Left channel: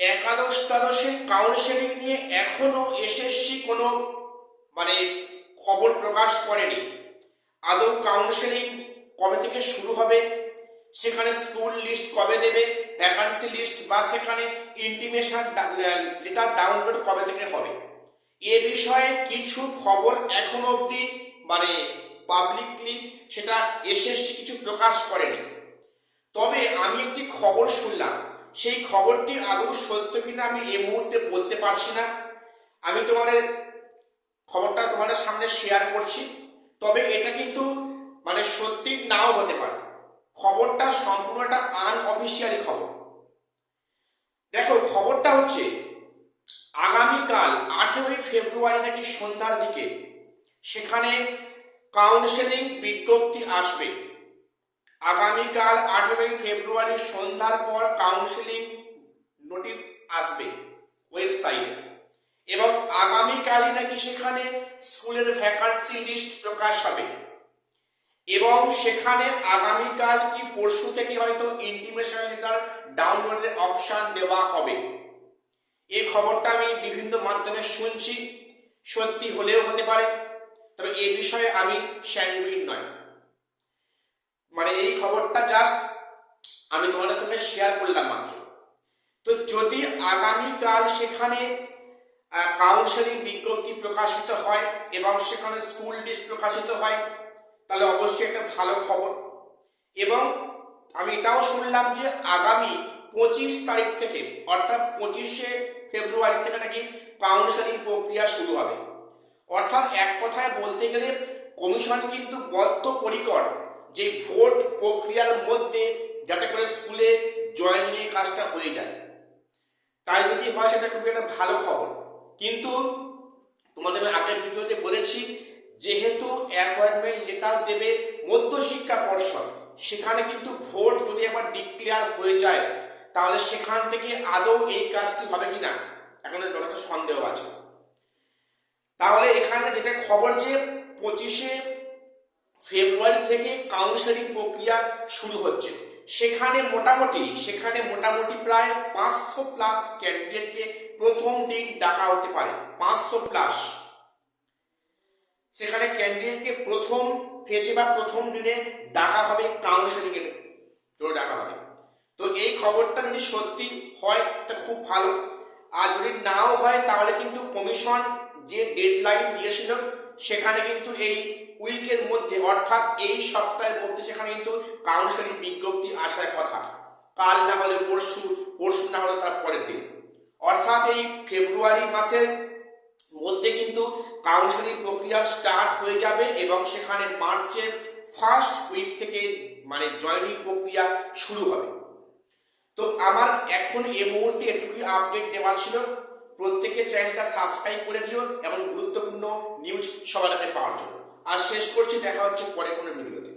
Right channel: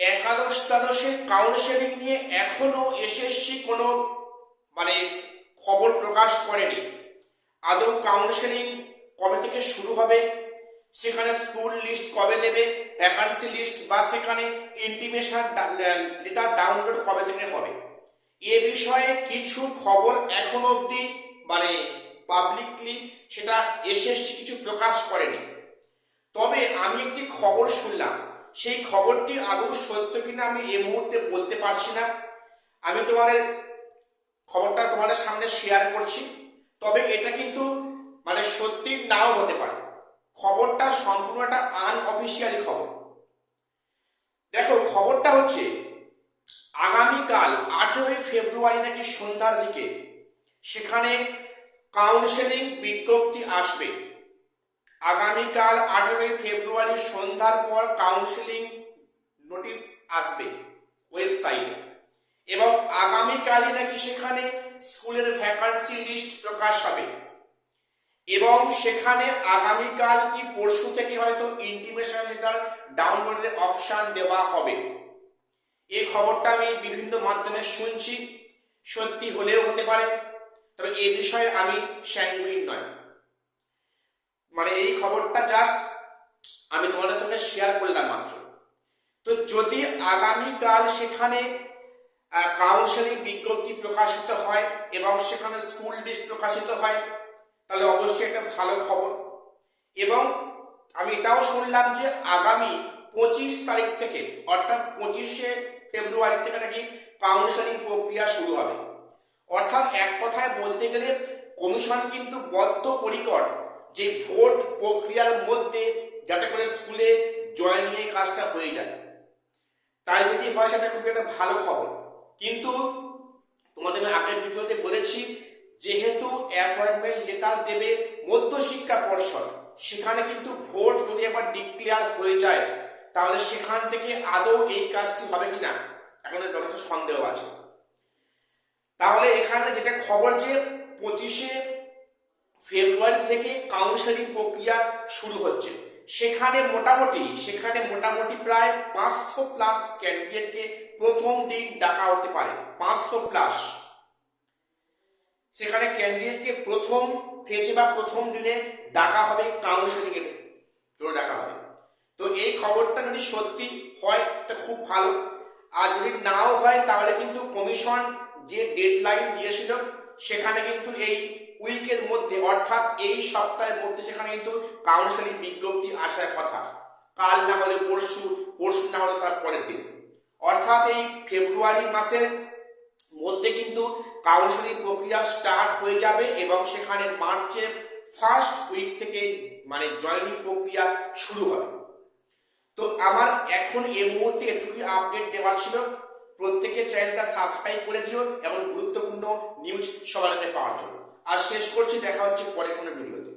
একাদশ দ্বাদশের কাউন্সেলিং নিয়ে এখনো এসএসসি কোনো খবর প্রকাশ করেনি। আদৌ কাউন্সেলিং কবে থেকে শুরু হবে, সেখানে স্কুল লিস্ট কবে দেবে, ভ্যাকান্সি লিস্ট বা সেখানে ইন্টিমেশন লেটার ডাউনলোড কবে থেকে হবে, এ বিষয়ে কিছু খবর এখনো অবধি পাবলিকলি সেটা এসএসসি কিছু প্রকাশ করেনি। তবে আমি একটি খবর শুনলাম, সেই খবরটি আদৌ সত্য কিনা আমি এই মুহূর্তে বলতে পারছি না। আমি খবরটা তোমাদের সামনে শেয়ার করছি, তবে এটা কিন্তু সত্যি নাও হতে পারে। খবরটা সম্পূর্ণ একটা আনঅফিসিয়ালি খবর। দেখো, খবরটা হচ্ছে আগামীকাল 18ই ফেব্রুয়ারি নাকি সন্ধ্যার দিকে সেখানে কাউন্সেলিং বিজ্ঞপ্তি আসবে। আগামীকাল 18ই ফেব্রুয়ারি সন্ধ্যার পর কাউন্সেলিং নোটিশ আসবে ওয়েবসাইটে, এবং আগামীকালই নাকি সেখানে স্কুলের ভ্যাকান্সি লিস্ট প্রকাশ হবে, এবং সেখানে আগামীকাল কি পরশু থেকে হয়তো ইন্টিমেশন লেটার ডাউনলোডের অপশান দেওয়া হবে। এই খবরটা আমি বিভিন্ন মাধ্যমে শুনছি, সত্যি হলেও হতে পারে, তবে এই বিষয়ে আমি স্যাঙ্গুইন নয়। এই খবরটা জাস্ট আমি তোমাদের সঙ্গে শেয়ার করলাম মাত্র। তো যদি আগামীকাল সেখানে কাউন্সেলিং বিজ্ঞপ্তি প্রকাশিত হয় এবং সেখানে স্কুল লিস্ট প্রকাশিত হয়, তাহলে অবশ্যই একটা ভালো খবর। এবং আমি এটাও শুনলাম যে আগামী 25 তারিখ থেকে, অর্থাৎ 25শে ফেব্রুয়ারি থেকে নাকি কাউন্সেলিং প্রক্রিয়া শুরু হবে। অর্থাৎ এক কথায় বলতে গেলে কমিশন কিন্তু বদ্ধপরিকর যে ভোট প্রক্রিয়ার মধ্যে যাতে করে স্কুলে জয়েনিংয়ের কাজটা হয়ে যায়। তাই যদি হয় সেটা খুবই একটা ভালো খবর। কিন্তু তোমাদের আমি আগের ভিডিওতে বলেছি, যেহেতু অ্যাপয়েন্টমেন্ট লেটার দেবে মধ্যশিক্ষা পর্ষদ, সেখানে কিন্তু ভোট যদি একবার ডিক্লেয়ার হয়ে যায় তাহলে সেখান থেকে আদৌ এই কাজটি হবে কিনা এখন যথেষ্ট সন্দেহ আছে। তাহলে এখানে যেটা খবর যে 25শে ফেব্রুয়ারি থেকে কাউন্সেলিং প্রক্রিয়া শুরু হচ্ছে, সেখানে মোটামুটি প্রায় 500+ ক্যান্ডিডেটকে প্রথম দিন ডাকা হতে পারে। 500+, সেখানে ক্যান্ডিডেটকে প্রথম ফেজে বা প্রথম দিনে ডাকা হবে, কাউন্সেলিং এর জন্য ডাকা হবে। তো এই খবরটা যদি সত্যি হয় এটা খুব ভালো, আর যদি নাও হয় তাহলে কিন্তু কমিশন যে ডেডলাইন দিয়েছিল সেখানে কিন্তু এই উইকের মধ্যে, অর্থাৎ এই সপ্তাহের মধ্যে সেখানে কিন্তু কাউন্সেলিং বিজ্ঞপ্তি আসার কথা। কাল না হলে পরশু না হলে তার পরের দিন, অর্থাৎ এই ফেব্রুয়ারি মাসের মধ্যে কিন্তু কাউন্সেলিং প্রক্রিয়া স্টার্ট হয়ে যাবে, এবং সেখানে মার্চের ফার্স্ট উইক থেকে জয়েনিং প্রক্রিয়া শুরু হবে। তো আমার এখন এই মুহূর্তে এটুকুই আপডেট দেওয়ার ছিল। প্রত্যেকের চ্যানেলটা সাবস্ক্রাইব করে দিও এবং গুরুত্বপূর্ণ নিউজ সবার আগে পাওয়ার জন্য। আর শেষ করছি, দেখা হচ্ছে পরে কোনো ভিডিওতে।